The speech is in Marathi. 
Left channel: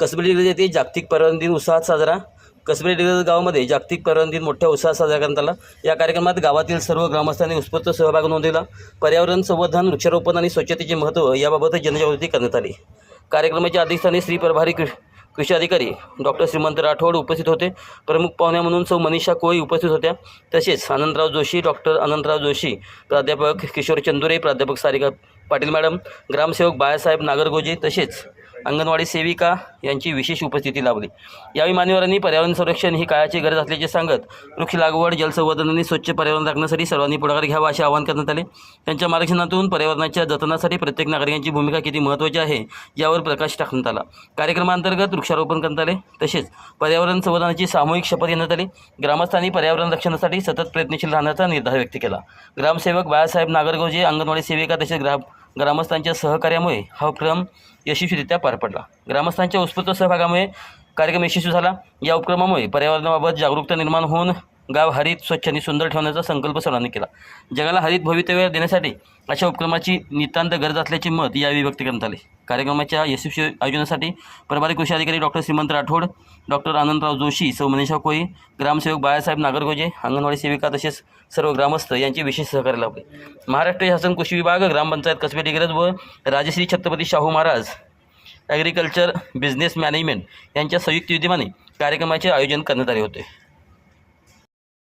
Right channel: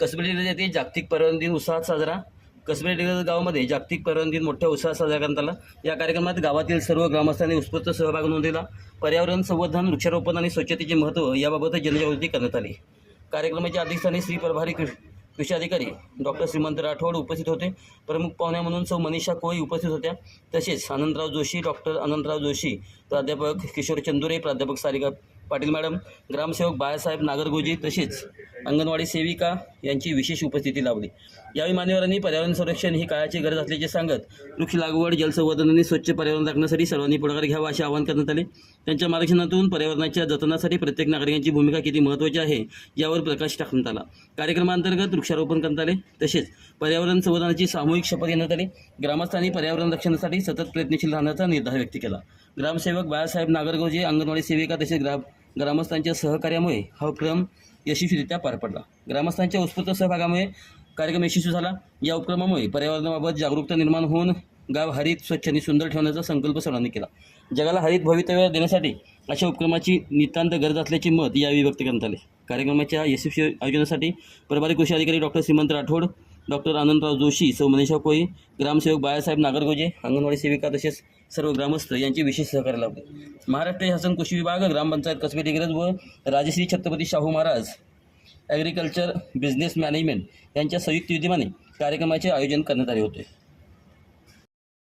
कसबे डिग्रज येथे जागतिक पर्यावरण दिन उत्साहात साजरा. कसबे डिग्रज गावामध्ये जागतिक पर्यावरण दिन मोठ्या उत्साहात साजरा करण्यात आला. या कार्यक्रमात गावातील सर्व ग्रामस्थांनी उत्स्फूर्त सहभाग नोंदवला. पर्यावरण संवर्धन, वृक्षारोपण आणि स्वच्छतेचे महत्त्व याबाबत जनजागृती करण्यात आली. कार्यक्रमाच्या अध्यक्षस्थानी श्री प्रभारी कृषी अधिकारी डॉक्टर श्रीमंत राठोड उपस्थित होते. प्रमुख पाहुण्या म्हणून सौ मनीषा कोळी उपस्थित होत्या. तसेच आनंदराव जोशी, डॉक्टर अनंतराव जोशी, प्राध्यापक किशोर चंदुरे, प्राध्यापक सारिका पाटील मॅडम, ग्रामसेवक बाळासाहेब नागरगोजे तसेच अंगणवाडी सेविका यांची विशेष उपस्थिती लाभली. यावेळी मान्यवरांनी पर्यावरण संरक्षण ही काळाची गरज असल्याचे सांगत वृक्ष लागवड, जलसंवर्धन आणि स्वच्छ पर्यावरण राखण्यासाठी सर्वांनी पुढाकार घ्यावा असे आवाहन करण्यात आले. त्यांच्या मार्गदर्शनातून पर्यावरणाच्या जतनासाठी प्रत्येक नागरिकांची भूमिका किती महत्त्वाची आहे यावर प्रकाश टाकण्यात आला. कार्यक्रमांतर्गत वृक्षारोपण करण्यात आले. तसेच पर्यावरण संवर्धनाची सामूहिक शपथ घेण्यात आली. ग्रामस्थांनी पर्यावरण रक्षणासाठी सतत प्रयत्नशील राहण्याचा निर्धार व्यक्त केला. ग्रामसेवक बाळासाहेब नागरगोजे, अंगणवाडी सेविका तसेच ग्रामस्थांच्या सहकार्यामुळे हा उपक्रम यशस्वीरित्या पार पडला. ग्रामस्थांच्या उत्स्फूर्त सहभागामुळे कार्यक्रम यशस्वी झाला. या उपक्रमामुळे पर्यावरणाबाबत जागरूकता निर्माण होऊन गाव हरित, स्वच्छ आणि सुंदर ठेवण्याचा संकल्प सर्वांनी केला. जगाला हरित भवितव्य देण्यासाठी अशा उपक्रमाची नितांत गरज असल्याचे मत यावेळी व्यक्त करण्यात आले. कार्यक्रमाच्या यशस्वी आयोजनासाठी प्रभारी कृषी अधिकारी डॉक्टर श्रीमंत राठोड, डॉक्टर आनंदराव जोशी, सौ मनीषा कोळी, ग्रामसेवक बाळासाहेब नागरगोजे, अंगणवाडी सेविका तसेच सर्व ग्रामस्थ यांचे विशेष सहकार्य लाभले. महाराष्ट्र शासन कृषी विभाग, ग्रामपंचायत कसबे डिग्रज व Rajashri Chhatrapati Shahu Maharaj agriculture business management यांच्या संयुक्त विद्यमाने कार्यक्रमाचे आयोजन करण्यात आले होते.